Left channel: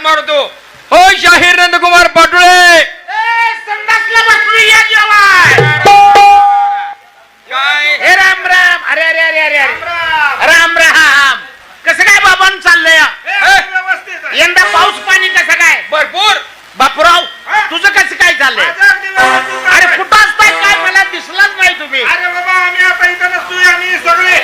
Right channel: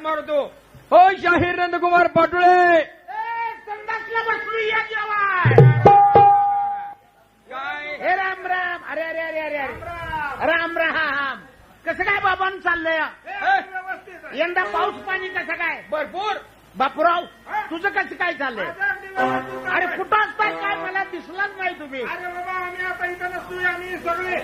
हाक मारतो. हो शाहीर नंदकुमार पाटोळे संडासला बसली या जेवाय. काय हे राम राम. अरे अरे अरे अरे अरे राम राम. कसं काय बाबांन चाललंय यंदा पाऊस पाणी कसं काय? भरपूर. बापूराव तुझं कसं काय चाललंय? अरे कुठं असताय काय मला दिसलाच नाही तुम्ही. अरे बाबा आम्ही आता इथं नसतोय, आम्ही सगळे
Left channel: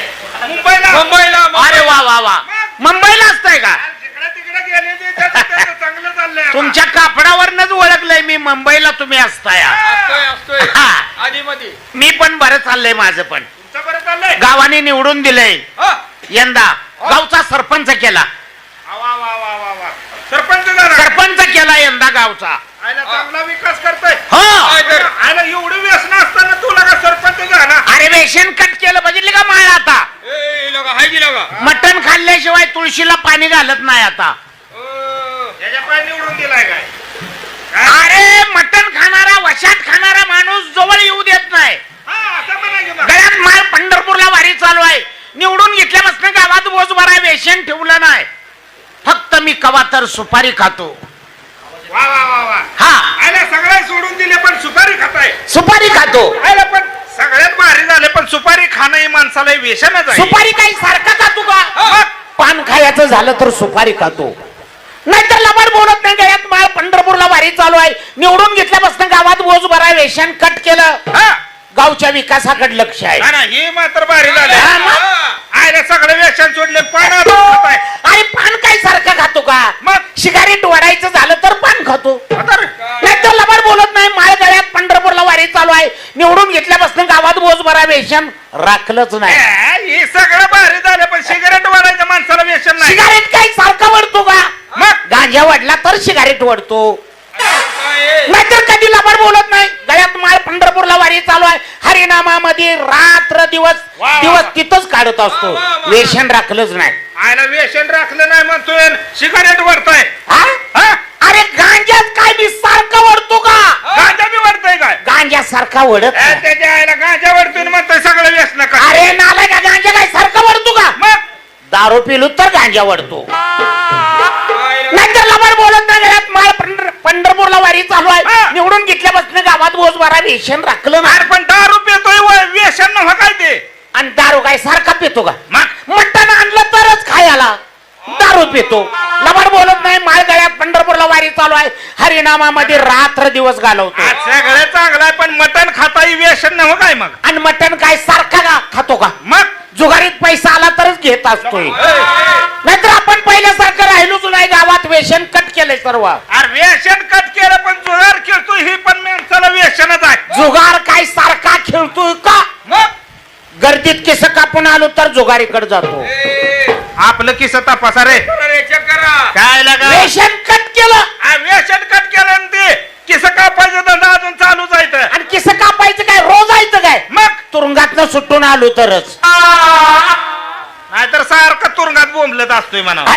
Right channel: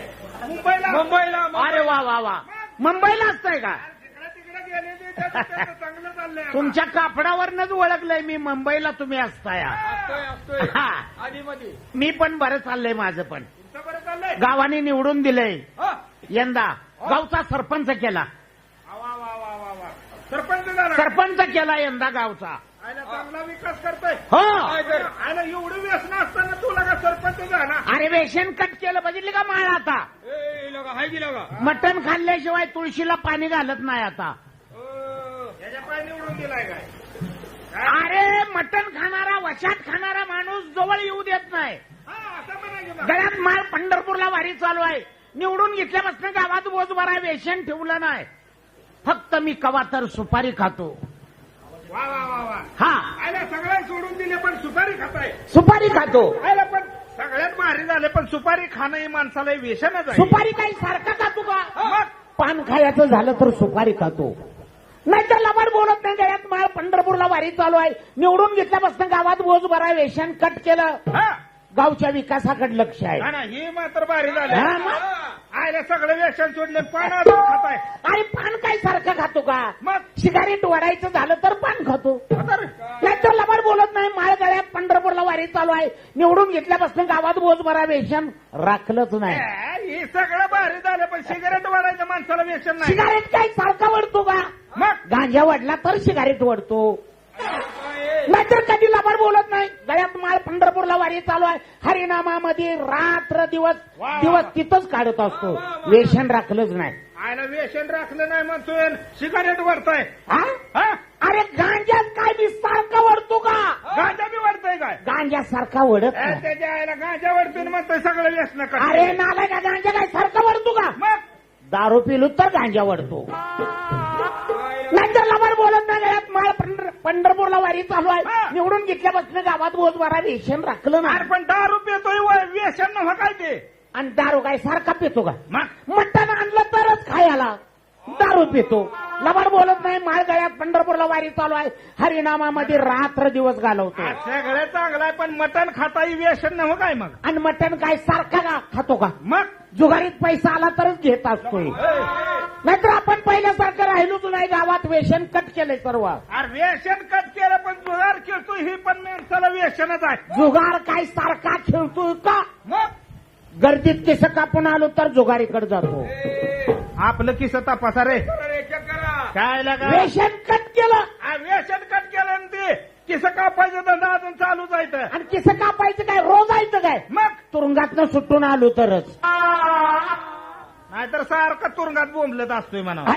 मुंबईला. मुंबईला अरे वा वा वा. मुंबईला असताय का? जिकडे तिकडे गेले ते त्याचं चांगलं चाललंय आता. तुमच्या कापडावरनच ओळखलंय मी मुंबईला तुम्ही असताय. असतोय असतोय हा. आधी मध्ये. मी पण बरं चाललंय माझं पण. तुमचं बरं चाललंय. गावाने निवडून दिलंय हा. यंदा. गावचा सरपंच केला. वा वा वा वा वा. सरपंच झाला. सरपंच केला यंदा गावचा. आयला चांगला विकास करतोय. हो. काय तर. आयला एवढं व्यसन असताना तुला का सरपंच झाला? अरे वेशन कट केलं बघितले का माळ आता. ए लोका हाय की लोका. मटण खाल्ल्याशिवाय तुळशीला पाणी घालत नाही आता. याच्या पाय निवडून दिलाय काय? अरे मटण खाणारा वशात खाणारा माणूस जवळ येऊ देत नाही. हा असं म्हणा की मग. गळ्यात माळ पंढरपूरला वारी चालू आहे. निवडून घेतल्यापासून गावात बोज भराय वेशन ठेवलं नाही. फक्त मी कवा तर सुपारी खातो. वा वा वा वा. हा आयला सगळे सोडून दिले पण सुपारी खाताय. सुपारी खातो. आयला पण सगळ्यात भारी झाले पण सुपारी खाणं हे माणसाला व्यसनच आहे. सुपारी काही सारखं खातो का? मग पान खायचं झालं तर सुपारी खातो. नाहीतर लबाड बोलत नाही. गळ्यात माळ पंढरपूरला वारी चालू आहे. निवडून घेतल्यापासून गावात बोज भराय वेशन कट केलं. हा. गावच्या विकासाकडे लक्ष आहे. ना, ना, हे मात्र भारी झाले. हा, मग? आयला सगळे व्यसन सोडले पान खाताय. अरे पान काय सारखं खातो का? मग सिगारेट वडायचं झालं तर पान खातो. आता रे. नाहीतर लबाड बोलत नाही. माळ गळ्यात पंढरपूरला वारी चालू आहे. निवडून घेतल्यापासून गावात बोज भरा वेशन राखलंच नाही. हे सगळं भारी झालं पण सिगारेट वाढायचं माणसाला व्यसन नाही. सिगारेट काय सारखा वडतो का? मग गांजा वडला तर सिगारेट वडतो. नाहीतर कधी लबाड बोलत नाही. गळ्यात माळ पंढरपूरला वारी चालू आहे. हरिनामामध्ये रात्र दिवस वा, वा, दिवस वा. तिथंच काढत असतो. वा, वा, वा. वेशन राखलंच नाही. आयला व्यसन राखलं नाही म्हणतोय सिगारेट वरताय. हा? हा? अरे गांजात काय मी सारखा वडतो का? गांजा बी वरताय काय? गांजा सारखा वडत नाही. त्याच्या आयला गांजा वरतोय म्हणतोय सगळं व्यसन का? अरे नालाय का गांजा काय सारखा वडतो का? मग दारू पिलो तर गांजा वडतो. नाहीतर लबाड बोलत नाही. घरात माळ पंढरपूरला वारी चालू आहे. हा. निवडून घेतल्यापासून गावात बोज भरा वेशन राखलं अरे नाही. पण दारू पितोय व्यसन नव्ह काय ते? आणि दारू काय सारखा पितो का? मग मटण आणलं तरच खायला दारू पितो. लबाड बोलत नाही. माळ गळ्यात पंढरपूरला वारी चालू आहे. हरिनामामध्ये रात्र दिवस घालवतो. आज सगळं चांगलं आहे पण मटण खाता व्यसन नव्ह काय मग? आणि मटण काय सारखा का खातो का? मग जुगारीत पैसा आला तरच घेत असतोय. नाहीतर आपण पहिल्यासारखं राहिलोच नाही. गावात वेशन कट केलंय सर्व. अरे व्यसन कट केलं पण जुगार खेळतोय ही पण माणसाला व्यसनच आहे. जुगार काय सारखा खेळतोय का? मग गर्दीत केस कापून आलो तर जुगारीकडे जातो. आपलं किस तपासा रे. काय लागा वेशन कट केलं व्यसन कट केलं आणि ते किस कापायचं धंदा अजून चालूच आहे तर. आणि केस कापायचं काय रोज जायचं काय? मग तुरुंगातनं सुटून आलो तरच. नाहीतर सारखं तुरुंगात बोंबलत असतोय म्हणा. अरे